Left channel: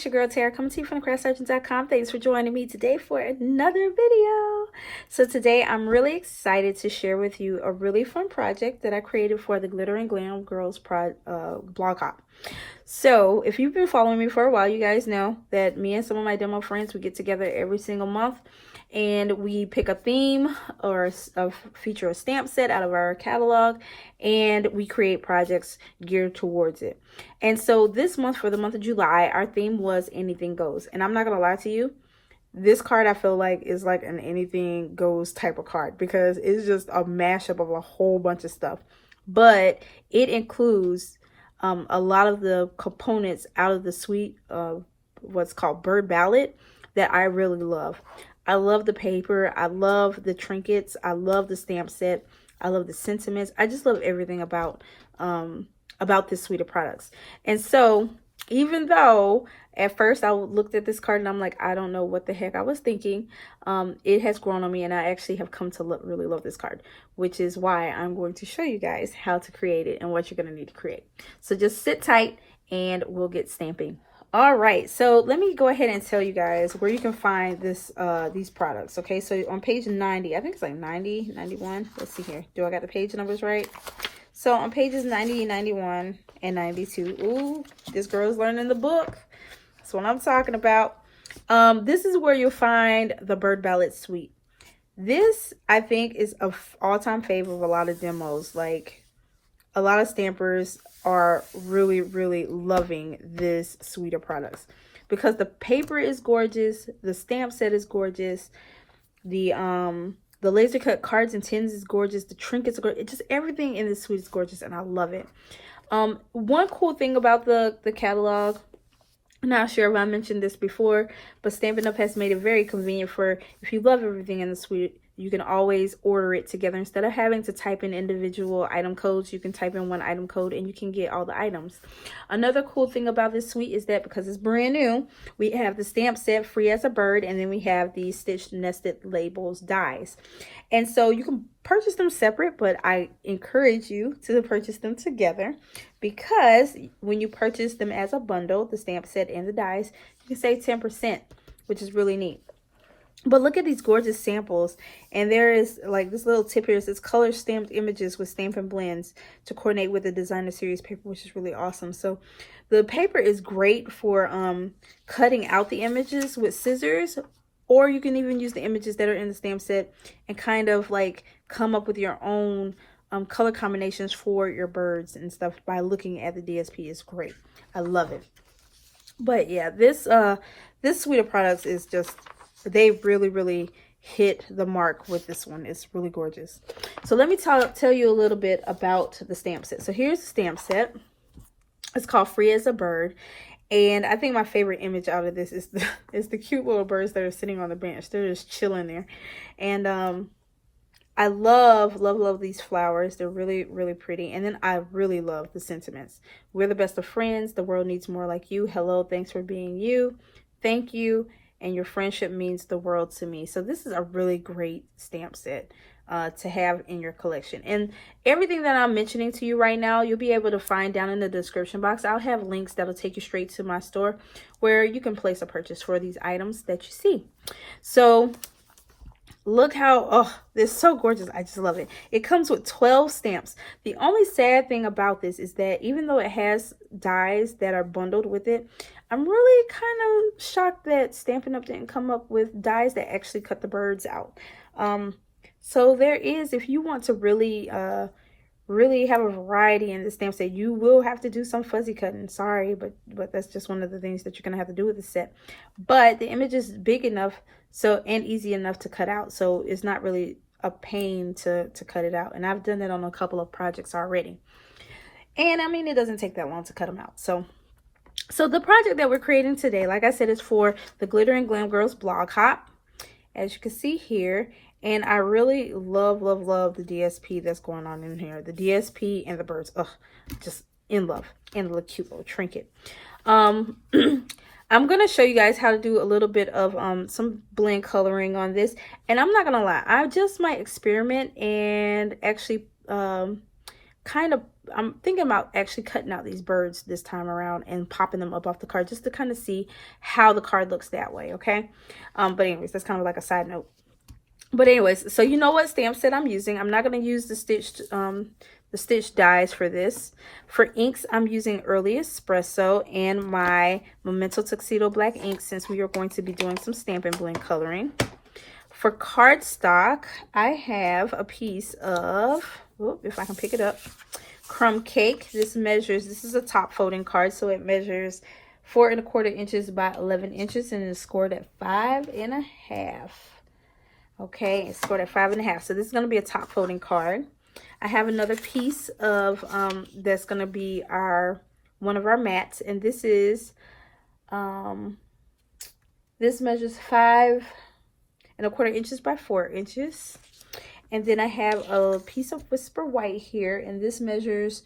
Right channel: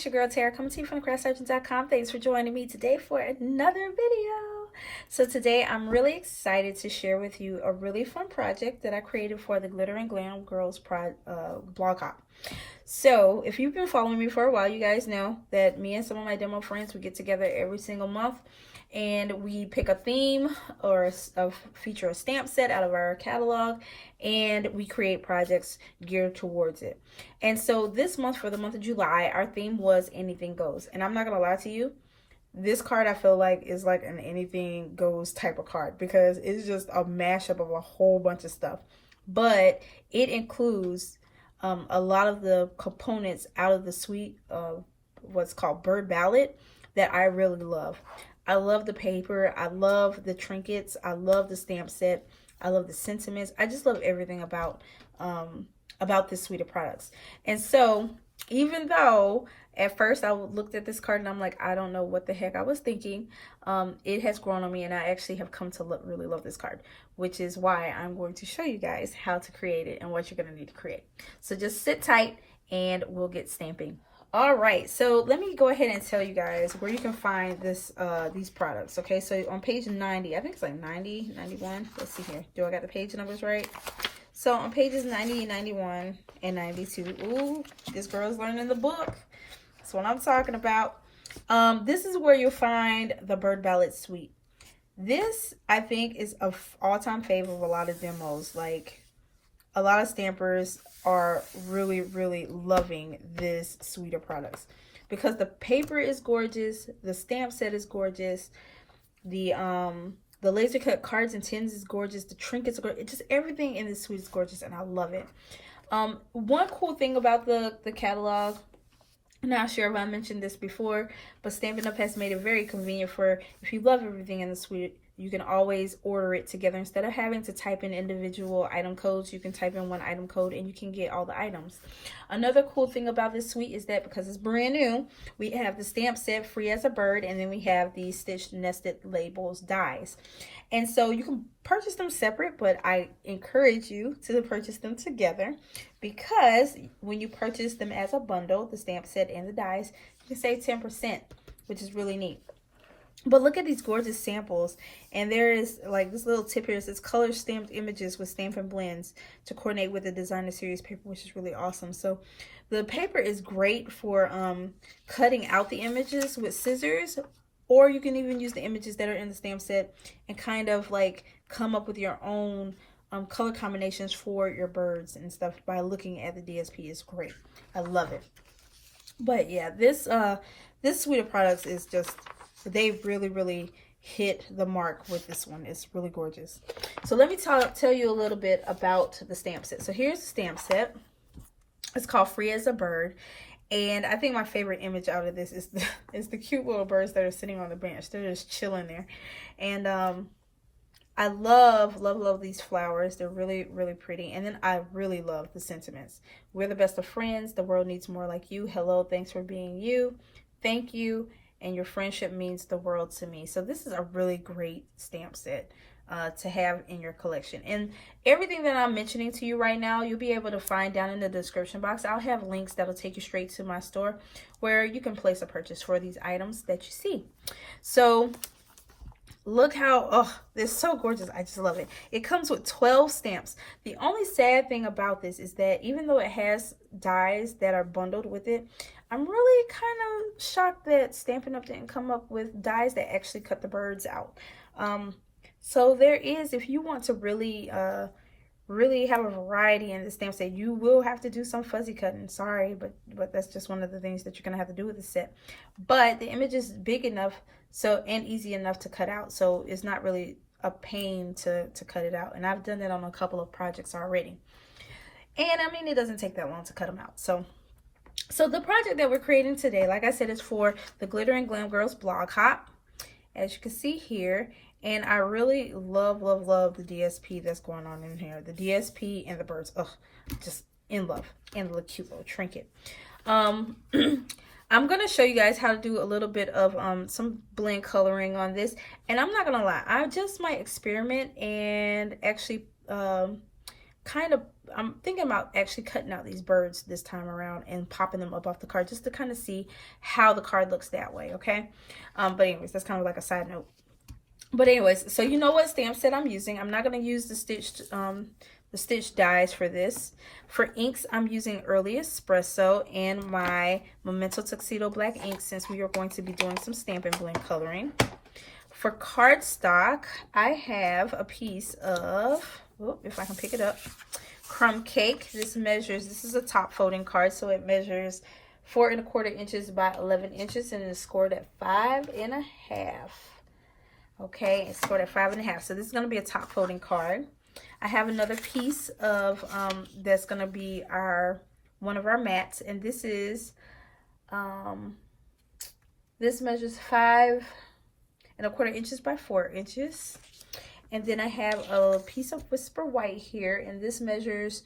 it's your girl Tara coming to you from craftsurgeon.com. Thanks for joining me today for another video. So today I'm really excited to share with you a really fun project that I created for the Glitter and Glam Girls blog hop. So if you've been following me for a while, you guys know that me and some of my demo friends, we get together every single month and we pick a theme or feature a stamp set out of our catalog, and we create projects geared towards it. And so this month, for the month of July, our theme was anything goes. And I'm not gonna lie to you, this card I feel like is like an anything goes type of card because it's just a mashup of a whole bunch of stuff. But it includes a lot of the components out of the suite of what's called Bird Ballad that I really love. I love the paper, I love the trinkets, I love the stamp set, I love the sentiments. I just love everything about this suite of products. And so even though at first I looked at this card and I'm like, I don't know what the heck I was thinking, it has grown on me and I actually have come to really love this card, which is why I'm going to show you guys how to create it and what you're going to need to create. So just sit tight and we'll get stamping. All right, so let me go ahead and tell you guys where you can find these products. Okay, so on page 90, I think it's like 90, 91. Let's see here. Do I got the page numbers right? So on pages 90, 91, and 92. Ooh, this girl's learning the book. That's what I'm talking about. This is where you'll find the Bird Ballad suite. This, I think, is an all-time favorite of a lot of demos. Like, a lot of stampers are really loving this suite of products because the paper is gorgeous, the stamp set is gorgeous, the laser cut cards and tins is gorgeous, the trinkets are gorgeous. Just everything in this suite is gorgeous and I love it. One cool thing about the catalog, I'm not sure if I mentioned this before, but Stampin' Up! Has made it very convenient for, if you love everything in the suite, you can always order it together. Instead of having to type in individual item codes, you can type in one item code and you can get all the items. Another cool thing about this suite is that because it's brand new, we have the stamp set Free as a Bird, and then we have the stitched nested labels dies. And so you can purchase them separate, but I encourage you to purchase them together because when you purchase them as a bundle, the stamp set and the dies, you can save 10%, which is really neat. But look at these gorgeous samples, and there is like this little tip here. It says color stamped images with Stampin' blends to coordinate with the designer series paper, which is really awesome. So the paper is great for cutting out the images with scissors, or you can even use the images that are in the stamp set and kind of like come up with your own color combinations for your birds and stuff by looking at the DSP. Is great. I love it. But yeah, this suite of products is just, they really hit the mark with this one. It's really gorgeous. So let me tell you a little bit about the stamp set. So here's the stamp set. It's called Free as a Bird. And I think my favorite image out of this is the cute little birds that are sitting on the branch. They're just chilling there. And I love these flowers. They're really pretty. And then I really love the sentiments. We're the best of friends. The world needs more like you. Hello, thanks for being you. Thank you. And your friendship means the world to me. So this is a really great stamp set to have in your collection. And everything that I'm mentioning to you right now, you'll be able to find down in the description box. I'll have links that'll take you straight to my store where you can place a purchase for these items that you see. So look how, oh, this is so gorgeous. I just love it. It comes with 12 stamps. The only sad thing about this is that even though it has dies that are bundled with it, I'm really kind of shocked that Stampin' Up! Didn't come up with dies that actually cut the birds out. So there is, if you want to really have a variety in the stamp set, you will have to do some fuzzy cutting. Sorry, but that's just one of the things that you're going to have to do with the set. But the image is big enough and easy enough to cut out. So it's not really a pain to cut it out. And I've done that on a couple of projects already. And I mean, it doesn't take that long to cut them out. So the project that we're creating today, like I said, is for the Glitter and Glam Girls blog hop, as you can see here. And I really love the DSP that's going on in here. The DSP and the birds. Ugh, just in love. And the cute little trinket. I'm going to show you guys how to do a little bit of some blend coloring on this. And I'm not going to lie, I just might experiment and actually kind of I'm thinking about actually cutting out these birds this time around and popping them up off the card just to kind of see how the card looks that way, okay? But anyways, that's kind of like a side note. But anyways, so you know what stamp set I'm using. I'm not going to use the stitched dies for this. For inks, I'm using Early Espresso and my Memento Tuxedo Black ink, since we are going to be doing some Stampin' Blend coloring. For cardstock, I have a piece of, if I can pick it up, Crumb Cake. This is a top folding card, so it measures 4 1/4 inches by 11 inches and is scored at 5.5. Okay, it's scored at 5.5. So this is going to be a top folding card. I have another piece of that's going to be one of our mats, and this is this measures 5 1/4 inches by 4 inches. And then I have a piece of Whisper White here, and this measures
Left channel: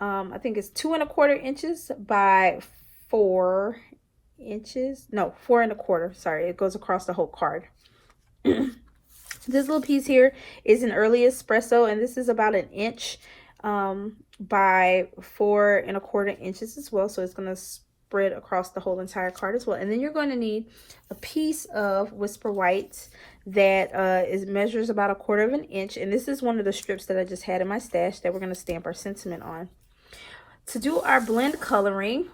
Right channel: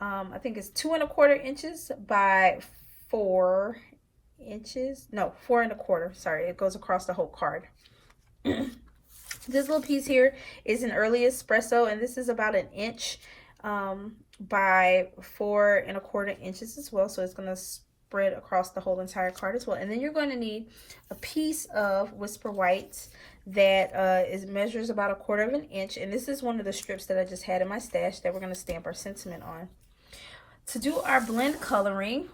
I think it's 2 1/4 inches by 4 inches. No, 4 1/4. Sorry, it goes across the whole card. This little piece here is an Early Espresso, and this is about 1 inch by 4 1/4 inches as well. So it's going to spread across the whole entire card as well. And then you're going to need a piece of Whisper White that measures about 1/4 inch. And this is one of the strips that I just had in my stash that we're going to stamp our sentiment on. To do our blend coloring,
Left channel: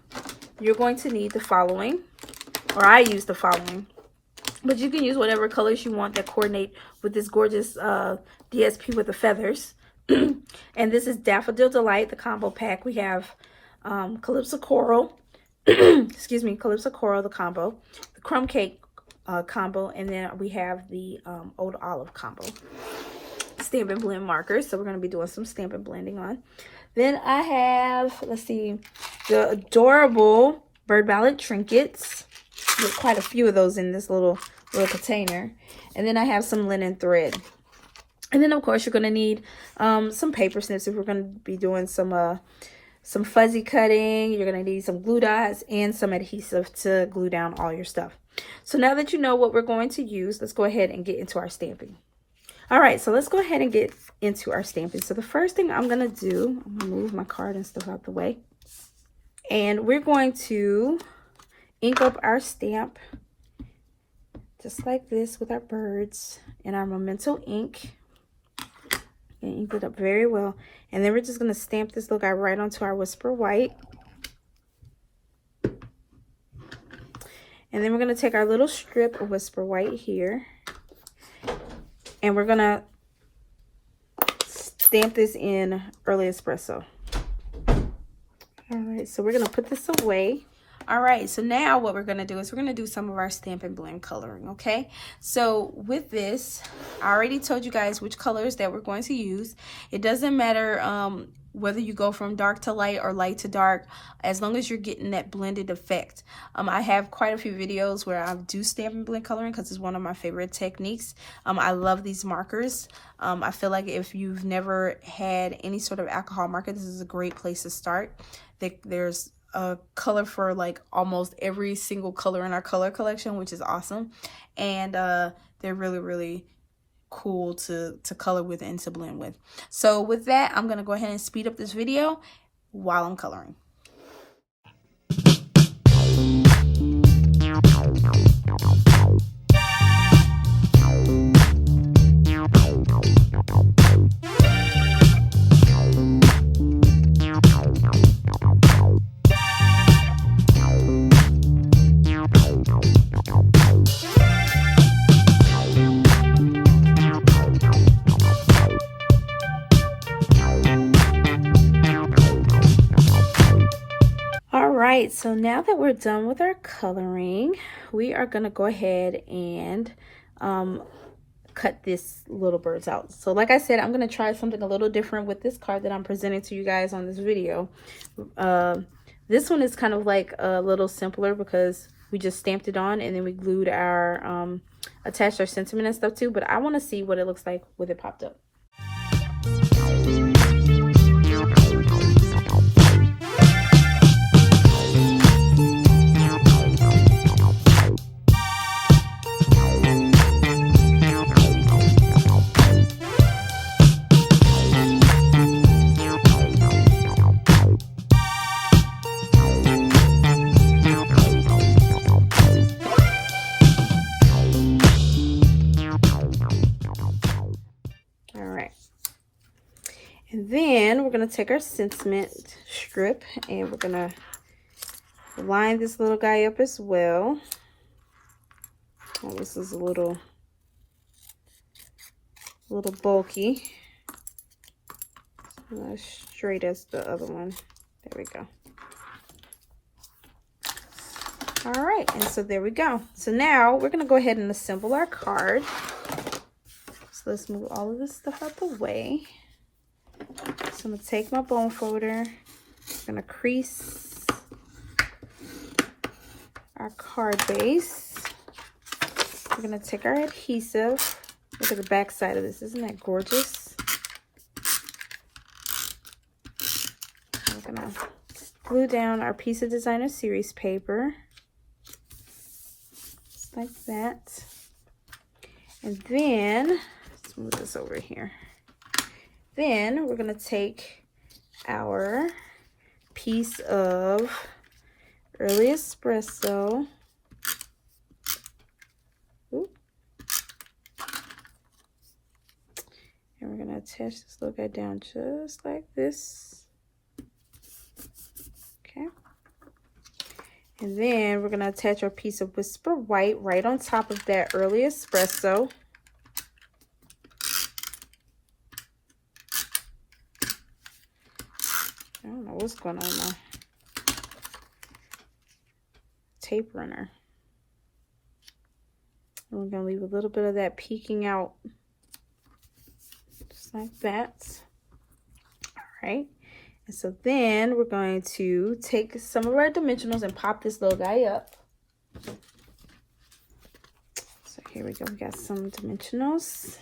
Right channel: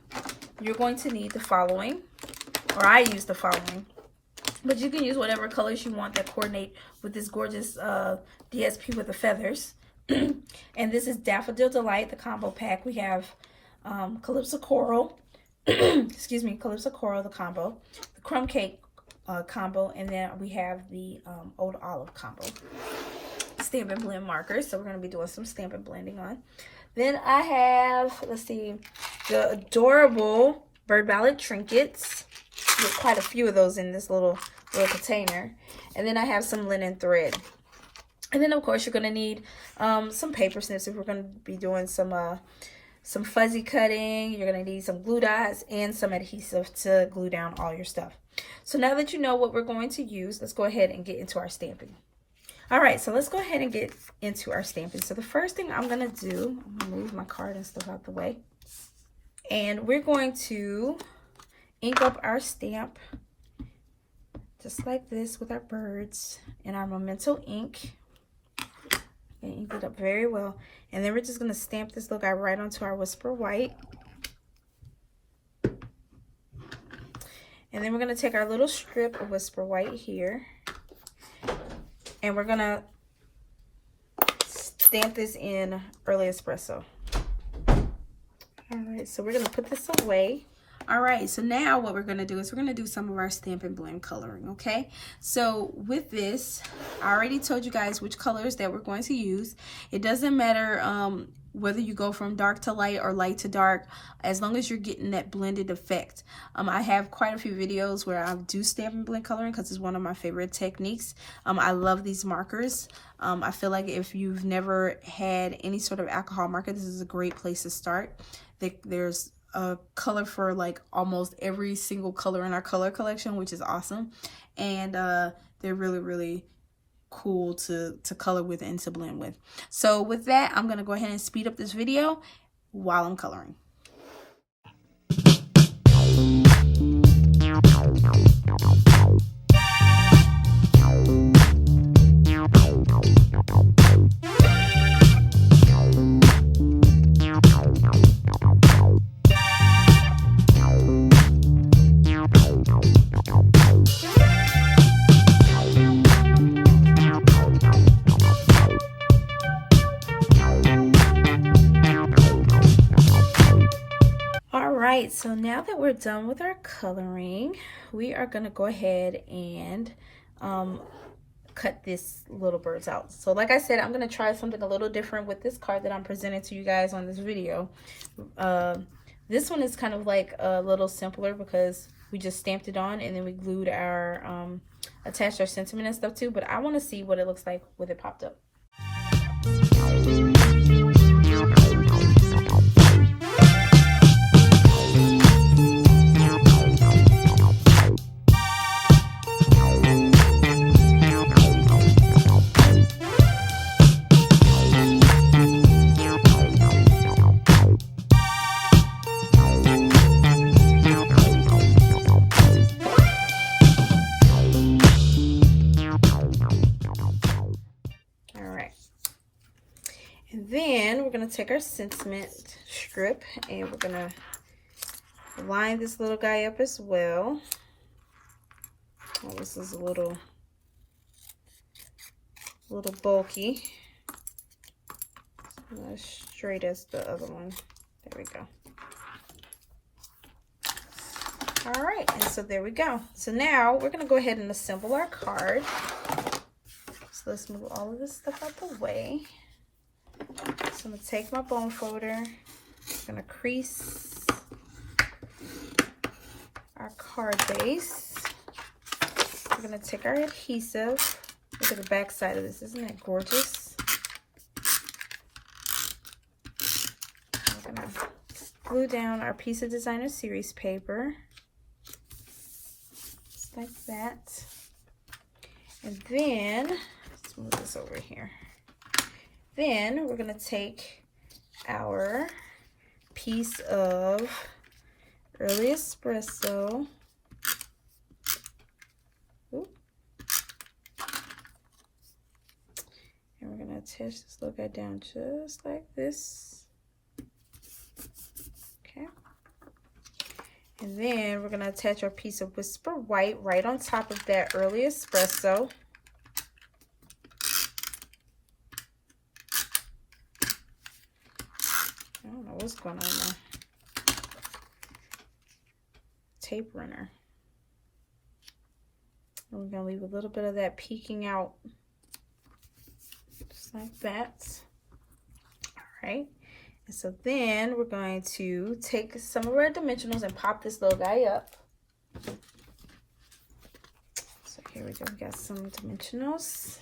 you're going to need the following, or I use the following. But you can use whatever colors you want that coordinate with this gorgeous DSP with the feathers. And this is Daffodil Delight, the combo pack. We have Calypso Coral, excuse me, Calypso Coral, the combo, the Crumb Cake combo, and then we have the Old Olive combo. Stampin' Blend markers, so we're going to be doing some Stampin' Blending on. Then I have, let's see, the adorable Bird Ballad trinkets. There's quite a few of those in this little container. And then I have some linen thread. And then, of course, you're going to need some paper snips if we're going to be doing some fuzzy cutting. You're going to need some glue dots and some adhesive to glue down all your stuff. So now that you know what we're going to use, let's go ahead and get into our stamping. All right, so let's go ahead and get into our stamping. So the first thing I'm going to do, I'm going to move my card and stuff out the way. And we're going to ink up our stamp just like this with our birds and our Memento ink. And ink it up very well. And then we're just going to stamp this little guy right onto our Whisper White. And then we're going to take our little strip of Whisper White here. And we're going to stamp this in Early Espresso. All right, so we're going to put this away. All right, so now what we're going to do is we're going to do some of our Stampin' Blend coloring, okay? So with this, I already told you guys which colors that we're going to use. It doesn't matter whether you go from dark to light or light to dark, as long as you're getting that blended effect. I have quite a few videos where I do Stampin' Blend coloring because it's one of my favorite techniques. I love these markers. I feel like if you've never had any sort of alcohol marker, this is a great place to start. There's a color for like almost every single color in our color collection, which is awesome. And they're really, really cool to color with and to blend with. So with that, I'm going to go ahead and speed up this video while I'm coloring. So now that we're done with our coloring, we are going to go ahead and cut this little birds out. So like I said, I'm going to try something a little different with this card that I'm presenting to you guys on this video. This one is kind of like a little simpler because we just stamped it on and then we glued our attached our sentiment and stuff too, but I want to see what it looks like with it popped up. going to take our sentiment strip and we're going to line this little guy up as well. Oh, this is a little bulky. Not as straight as the other one. There we go. All right, and so there we go. So now we're going to go ahead and assemble our card. So let's move all of this stuff out the way. So I'm going to take my bone folder. I'm going to crease our card base. We're going to take our adhesive. Look at the back side of this. Isn't that gorgeous? We're going to glue down our piece of designer series paper. Just like that. And then, let's move this over here. Then we're going to take our piece of early espresso. Ooh. And we're going to attach this little guy down just like this. Okay. And then we're going to attach our piece of Whisper White right on top of that early espresso. I don't know what's going on now. Tape runner. And we're going to leave a little bit of that peeking out. Just like that. All right. And so then we're going to take some of our dimensionals and pop this little guy up. So here we go. We got some dimensionals.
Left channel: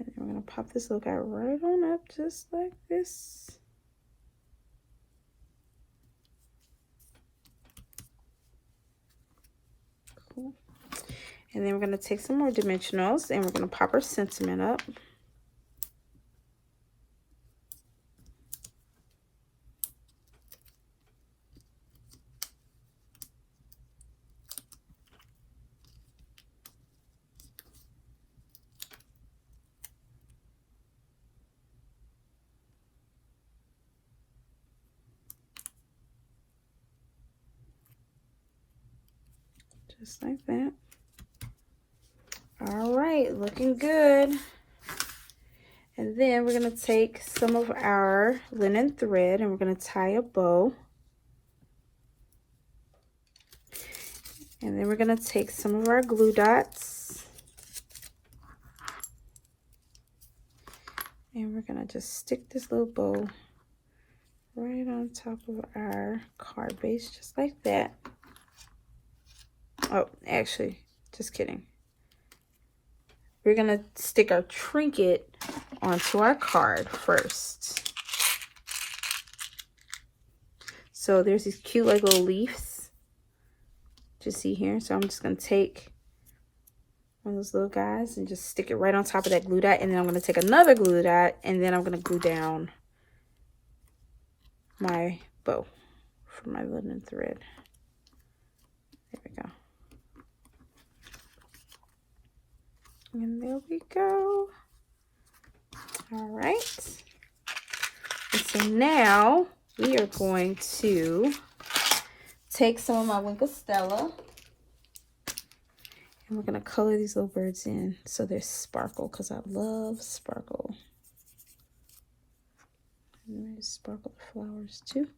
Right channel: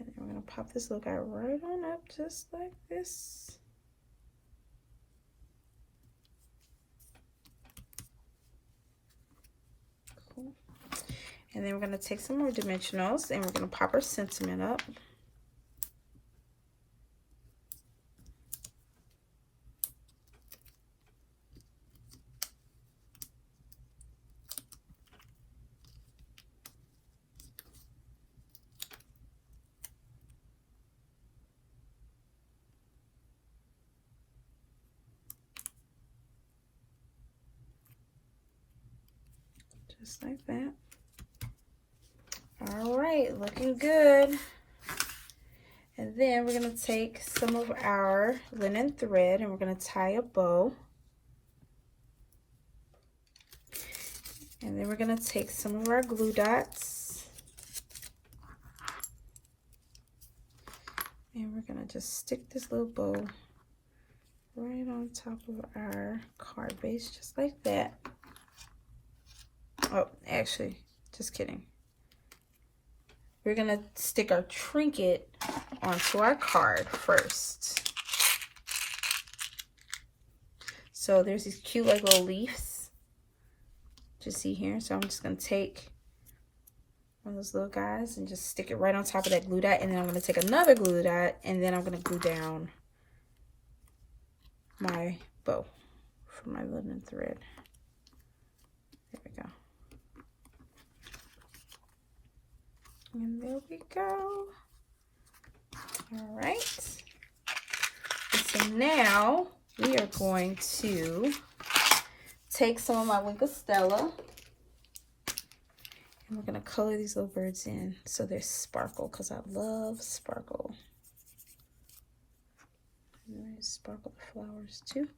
And we're going to pop this little guy right on up just like this. Cool. And then we're going to take some more dimensionals and we're going to pop our sentiment up. Just like that. All right, looking good. And then we're going to take some of our linen thread and we're going to tie a bow. And then we're going to take some of our glue dots. And we're going to just stick this little bow right on top of our card base, just like that. Oh, actually, just kidding. We're going to stick our trinket onto our card first. So there's these cute like little leaves. Just see here. So I'm just going to take one of those little guys and just stick it right on top of that glue dot. And then I'm going to take another glue dot and then I'm going to glue down my bow for my linen thread. There we go. And there we go. All right. And so now we are going to take some of my Wink of Stella and we're going to color these little birds in so they sparkle because I love sparkle. And there's sparkle flowers too.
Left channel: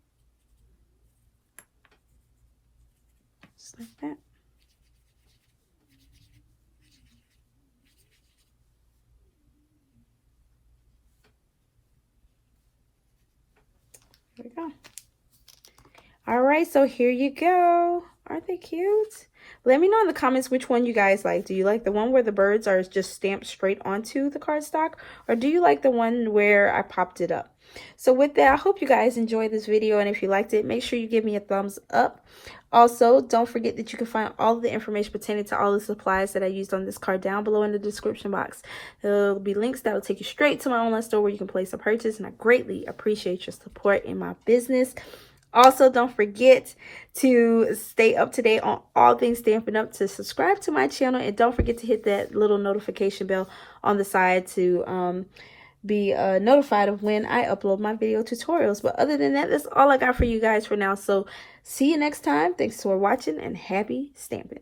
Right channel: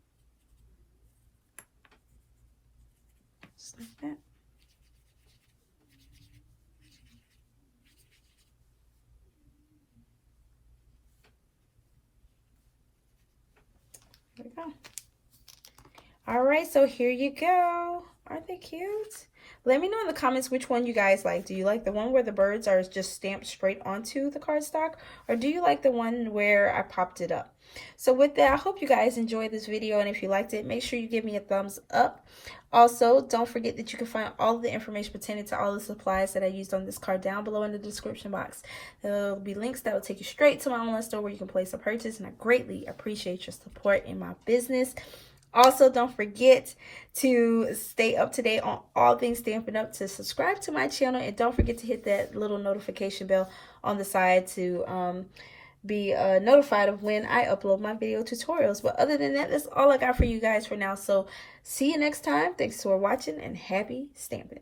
Just like that. There we go. All right, so here you go. Aren't they cute? Let me know in the comments which one you guys like. Do you like the one where the birds are just stamped straight onto the cardstock? Or do you like the one where I popped it up? So with that, I hope you guys enjoyed this video. And if you liked it, make sure you give me a thumbs up. Also, don't forget that you can find all of the information pertaining to all the supplies that I used on this card down below in the description box. There will be links that will take you straight to my online store where you can place a purchase, and I greatly appreciate your support in my business. Also, don't forget to stay up to date on all things Stampin' Up, to subscribe to my channel, and don't forget to hit that little notification bell on the side to be notified of when I upload my video tutorials. But other than that, that's all I got for you guys for now. So see you next time. Thanks for watching, and happy stamping.